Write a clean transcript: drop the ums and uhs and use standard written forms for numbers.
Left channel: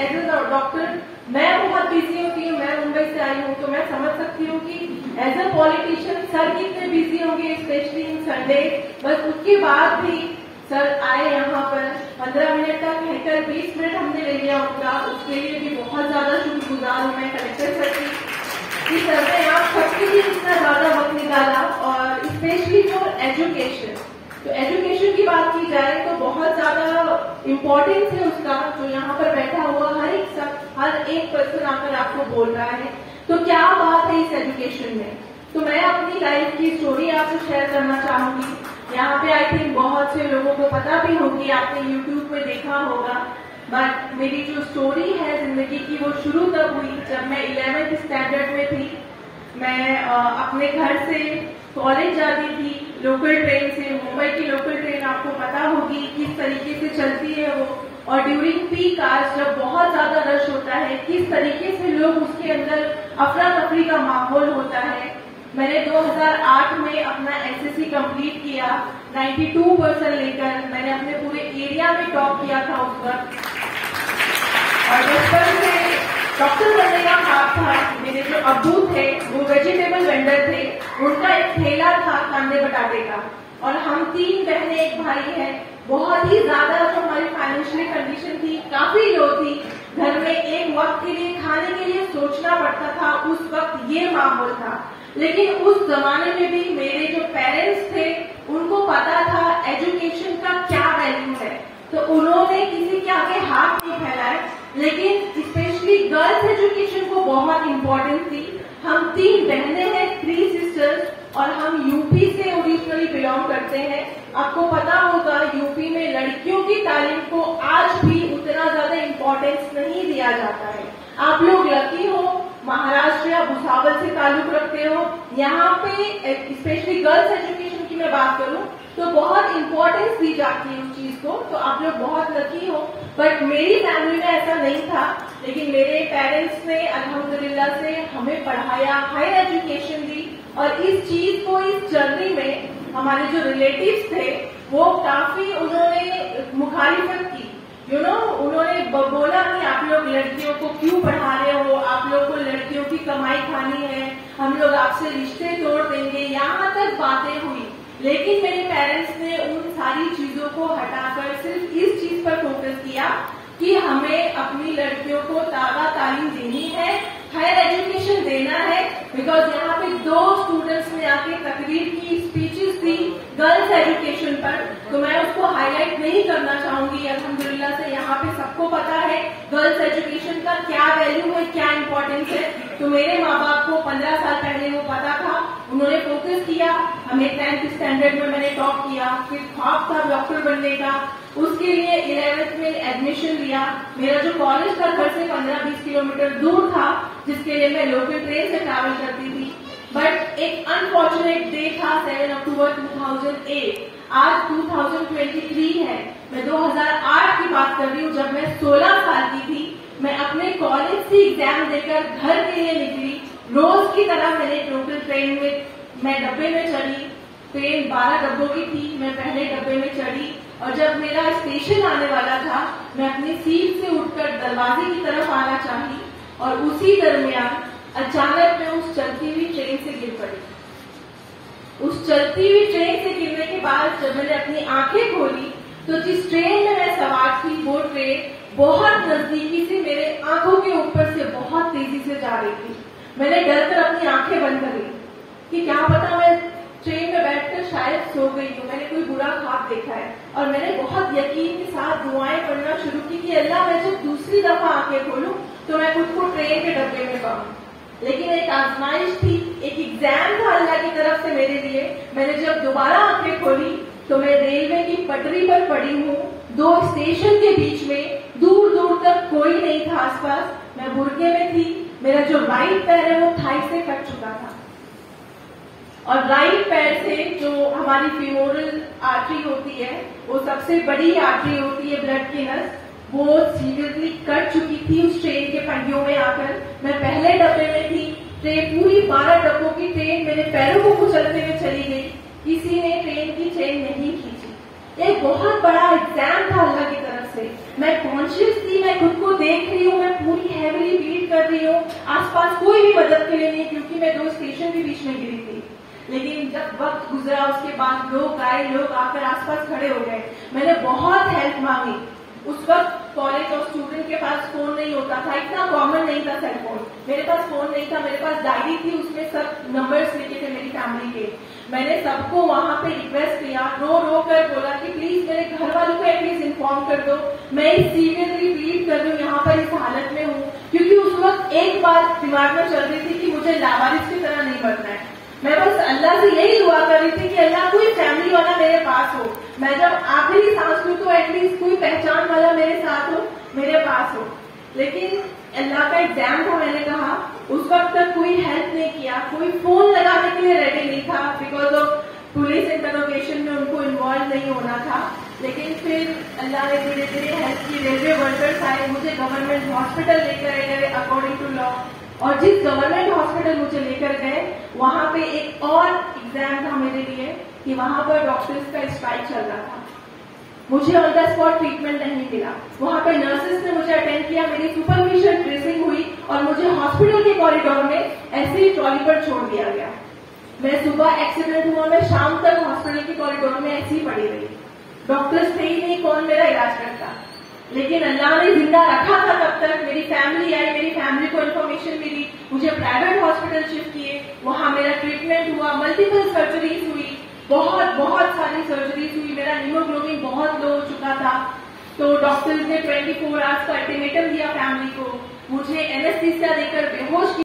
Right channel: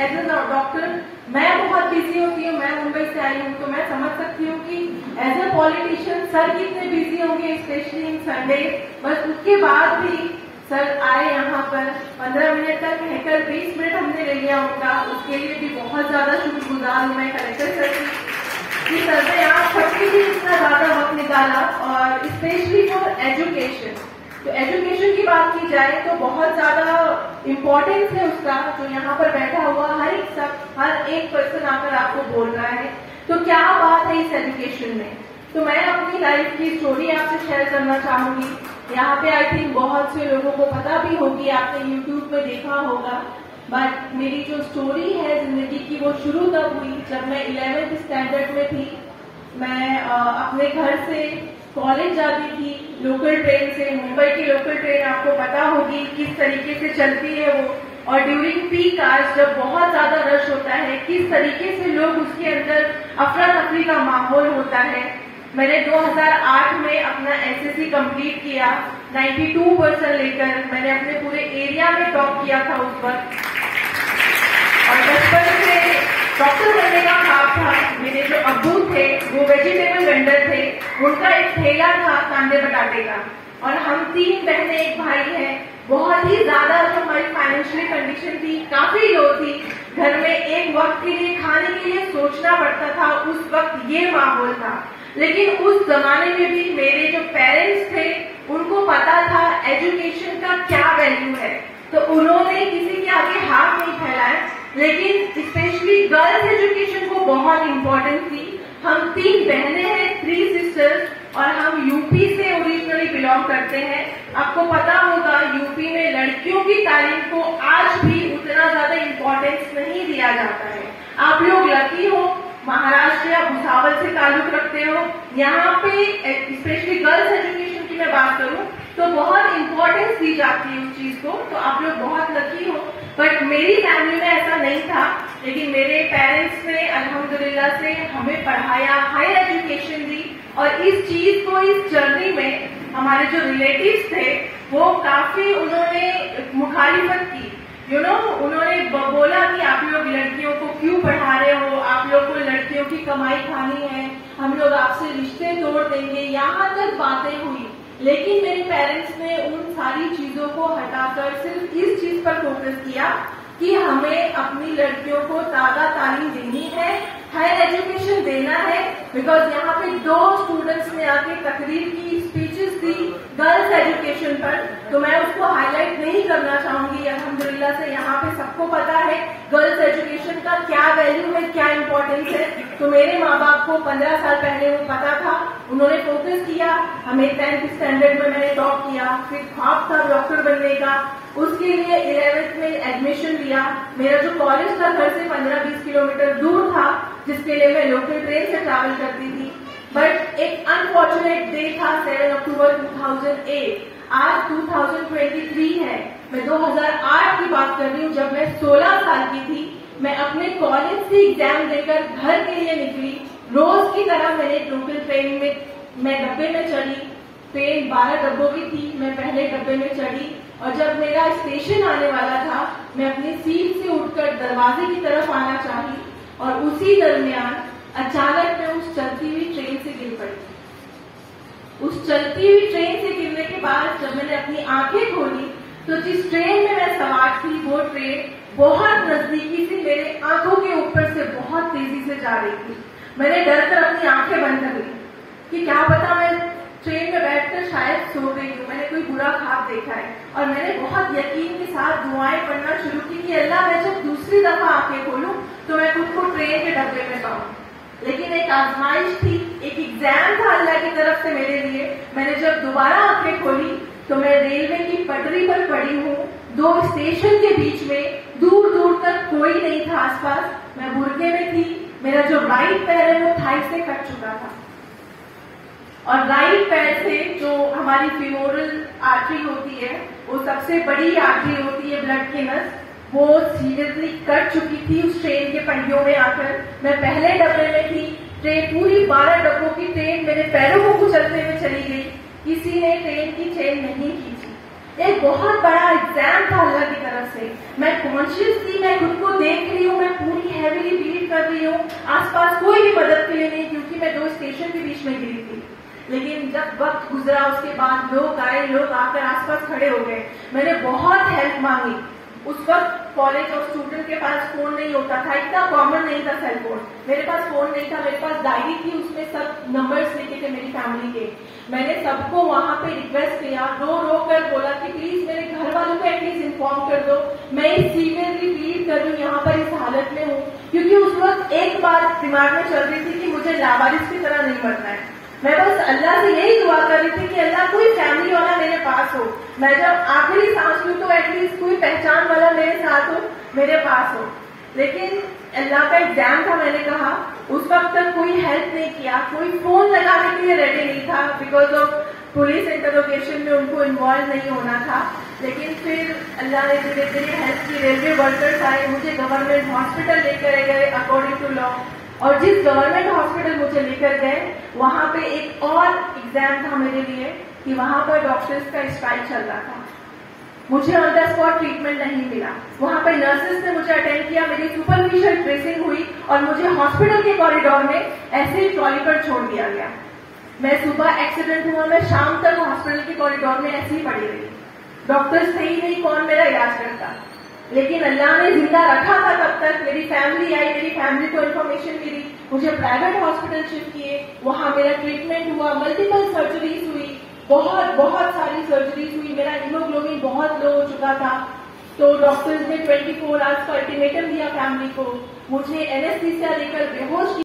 As a doctor मैं बहुत busy होती हूँ, मैं मुंबई से आई हूँ, तो मैं समझ सकती हूँ कि एज ए पॉलिटिशियन सर कितने बिजी होंगे, स्पेशली इन संडे। बस उसके बाद भी सर आए यहाँ पर 15 मिनट तक कहकर 20 मिनट हमने ले लिया उनका, उसके लिए भी बहुत ज्यादा शुक्रगुजार हूँ मैं कलेक्टर सर की सर ने यहाँ सबके लिए इतना ज्यादा वक्त निकाला, और स्पेशली फॉर एजुकेशन। तो एजुकेशन की बात की जाए तो बहुत ज्यादा इम्पोर्टेंस है उसका, जो यहाँ पर बैठा हुआ हर एक पर्सन आकर आपको बोल रहा है। तो क्या बात है इस एजुकेशन में, तो मैं अपनी लाइफ की स्टोरी आपसे शेयर करना चाहूंगी। यहाँ पे आई थिंक बहुत से लोगों को पता भी होगी, आपने यूट्यूब पे देखा होगा, बट मेरी जो स्टोरी है जिंदगी की वो शुरू तब हुई जब मैं 11th स्टैंडर्ड में थी। मैं अपने घर से कॉलेज जाती थी लोकल ट्रेन से। मुंबई की लोकल ट्रेन आपको पता होगी किस तरीके से चलती है वो, और ड्यूरिंग पीक आवर्स जब बहुत ज्यादा रश होता है किस तरीके से लोग उसके अंदर अफरा तफरी का माहौल होता है। मैंने 2008 में अपना एसएससी कंप्लीट किया 92% लेकर। मैंने अपने पूरे एरिया में टॉप किया था उस वक्त, और बचपन से डॉक्टर बनने का ख्वाब था। मेरे जो अब्बू थे वो वेजिटेबल वेंडर थे, उनका एक ठेला था कांदे बटाटे का, और हम 3 बहनें एक भाई हैं। बहुत ही ज्यादा जो हमारी फाइनेंशियल कंडीशन थी काफी लो थी, घर में एक वक्त के लिए खाने के लिए सोचना पड़ता था, उस वक्त ये माहौल था। लेकिन उस जमाने में भी मेरे जो पेरेंट्स थे उनको पता था एजुकेशन का क्या वैल्यू है, तो उन्होंने किसी के आगे हाथ नहीं फैलाया। लेकिन स्पेशली गर्ल्स एजुकेशन को बहुत इम्पोर्टेंस थी। हम 3 बहनें हैं, 3 सिस्टर्स, और हम यूपी से ओरिजिनली बिलोंग करते हैं। आपको पता होगा यूपी में लड़कियों की तालीम को आज भी उतना ज्यादा इम्पोर्टेंस नहीं दिया जाता है। आप लोग लकी हो, महाराष्ट्र या भुसावल से ताल्लुक रखते हो, यहाँ पे स्पेशली गर्ल्स एजुकेशन की मैं बात करूँ तो बहुत इम्पोर्टेंस दी जाती है उस चीज को, तो आप लोग बहुत लकी हो। बट मेरी फैमिली में ऐसा नहीं था, लेकिन मेरे पेरेंट्स ने अल्हम्दुलिल्लाह से हमें पढ़ाया, हायर एजुकेशन दी, और इस चीज को, इस जर्नी में हमारे जो रिलेटिव्स थे वो काफी उन्होंने मुखालिफत की। उन्होंने बोला कि आप लोग लड़कियों को क्यों पढ़ा रहे हो, आप लोग को लड़कियों की कमाई खानी है, हम लोग आपसे रिश्ते तोड़ देंगे, यहाँ तक बातें हुई। लेकिन मेरे पेरेंट्स ने उन सारी चीजों को हटाकर सिर्फ इस चीज पर फोकस किया कि हमें अपनी लड़कियों को ताज़ा तालीम देनी है, हायर एजुकेशन देना है। बिकॉज यहाँ पे 2 स्टूडेंट्स ने आके तकरीर की, स्पीचेस दी गर्ल्स एजुकेशन पर, तो मैं उसको हाईलाइट नहीं करना चाहूंगी। अल्हम्दुलिल्लाह से यहाँ पे सबको पता है गर्ल्स एजुकेशन का क्या वैल्यू है, क्या इम्पोर्टेंस है। तो मेरे माँ बाप को 15 साल पहले वो पता था, उन्होंने फोकस किया। हमें 10th स्टैंडर्ड में मैंने टॉप किया, फिर ख्वाब था डॉक्टर बनने का, उसके लिए 11th में एडमिशन लिया। मेरा जो कॉलेज था घर से 15-20 किलोमीटर दूर था, जिसके लिए मैं लोकल ट्रेन से ट्रैवल करती थी। बट एक अनफॉर्चुनेट डे था 7 अक्टूबर 2008। आज 2023 है, मैं 2008 की बात कर रही हूँ, जब मैं 16 साल की थी। मैं अपने कॉलेज से एग्जाम देकर घर के लिए निकली। रोज की तरह मैंने लोकल ट्रेन में मैं डब्बे में चढ़ी। ट्रेन 12 डब्बों की थी, मैं पहले डब्बे में चढ़ी, और जब मेरा स्टेशन आने वाला था मैं अपनी सीट से उठकर दरवाजे की तरफ आना चाही, और उसी दरमियान अचानक मैं उस चलती हुई ट्रेन से गिर पड़ी। उस चलती हुई ट्रेन से गिरने के बाद जब मैंने अपनी आंखें खोली तो जिस ट्रेन में मैं सवार थी वो ट्रेन बहुत नजदीकी से मेरे आंखों के ऊपर से बहुत तेजी से जा रही थी। मैंने डर कर अपनी आंखें बंद कर ली कि क्या पता मैं ट्रेन में बैठकर शायद सो गई हूँ, मैंने कोई बुरा ख्वाब देखा है। और मैंने बहुत यकीन के साथ दुआएं पढ़ना शुरू की कि अल्लाह मैं जब दूसरी दफा आंखें खोलूं तो मैं खुद को ट्रेन के डब्बे में पाऊं। लेकिन एक आजमाइश थी, एक एग्जाम था अल्लाह की तरफ से मेरे लिए। मैंने जब दोबारा आंखें खोली तो मैं रेलवे की पटरी पर पड़ी हूँ, 2 स्टेशन के बीच में, दूर दूर तक कोई नहीं था आसपास। मैं बुर्के में थी, मेरा जो राइट पैर है वो थाई से कट चुका था, और राइट पैर से जो हमारी फीमोरल आर्टरी होती है, वो सबसे बड़ी आर्टरी होती है ब्लड की नस, वो सीरियसली कट चुकी थी उस ट्रेन के पंडियों में आकर। मैं पहले डब्बे में थी, ट्रेन पूरी 12 डब्बों की ट्रेन मेरे पैरों को कुचलते हुए चली गई, किसी ने ट्रेन की चेन नहीं खींची। एक बहुत बड़ा एग्जाम था अल्लाह की तरफ से। मैं कॉन्शियस थी, मैं खुद को देख रही हूँ, कर रही हूँ, आसपास कोई भी मदद के लिए नहीं, क्योंकि मैं 2 स्टेशन के बीच में गिरी थी। लेकिन जब वक्त गुजरा उसके बाद लोग आए, लोग आकर आसपास खड़े हो गए। मैंने बहुत हेल्प मांगी। उस वक्त कॉलेज और स्टूडेंट के पास फोन नहीं होता था, इतना कॉमन नहीं था सेल फोन। मेरे पास फोन नहीं था, मेरे पास डायरी थी, उसमें सब नंबर्स लिखे थे मेरी फैमिली के। मैंने सबको वहां पे रिक्वेस्ट किया, रो रो कर बोला कि प्लीज मेरे घर वालों को एटलीस्ट इन्फॉर्म कर दो, मैं इस सीरियसली प्लीड कर रही हूँ, यहाँ पर इस हालत में हूँ। क्योंकि उस वक्त एक बात दिमाग में चल रही थी कि मुझे लावारिस की तरह नहीं मरना है। मैं बस अल्लाह से यही दुआ कर रही थी कि अल्लाह कोई फैमिली वाला मेरे पास हो, मैं जब आखिरी सांस लूं तो एटलीस्ट कोई पहचान वाला मेरे साथ हो, मेरे पास हो। लेकिन अल्लाह का एग्जाम था, मैंने कहा। उस वक्त तक कोई हेल्प नहीं किया, कोई फोन लगाने के लिए रेडी नहीं था, बिकॉज ऑफ पुलिस इंटरोगेशन में उनको इन्वॉल्व नहीं होना था। लेकिन फिर अल्लाह ने धीरे धीरे हेल्प की। रेलवे वर्कर्स आए, मुझे गवर्नमेंट हॉस्पिटल लेकर गए अकॉर्डिंग टू लॉ। और जिस गवर्नमेंट हॉस्पिटल मुझे लेकर गए, वहां पे एक और एग्जाम था मेरे लिए कि वहां पर डॉक्टर्स का स्ट्राइक चल रहा था। मुझे ऑन द स्पॉट ट्रीटमेंट नहीं मिला। वहां पे नर्सेस ने मुझे अटेंड किया, मेरी सुपरफिशियल ड्रेसिंग हुई और मुझे हॉस्पिटल के कॉरिडोर में ऐसे ही ट्रॉली पर छोड़ दिया गया। मैं सुबह एक्सीडेंट हुआ, मैं शाम तक हॉस्पिटल के कॉरिडोर में ऐसे ही पड़ी रही। डॉक्टर्स थे ही नहीं, कौन मेरा इलाज करता। लेकिन अल्लाह ने जिंदा रखा था तब तक। मेरी फैमिली आई, मेरी फैमिली को इन्फॉर्मेशन मिली, मुझे प्राइवेट हॉस्पिटल शिफ्ट किए, वहां मेरा ट्रीटमेंट हुआ, मल्टीपल सर्जरीज हुई, बहुत सारी सर्जरीज हुई। मेरा हीमोग्लोबिन बहुत लो हो चुका था, तो डॉक्टर्स ने 24 आवर्स का अल्टीमेटम दिया फैमिली को। मुझे एनेस्थीसिया देकर बेहोश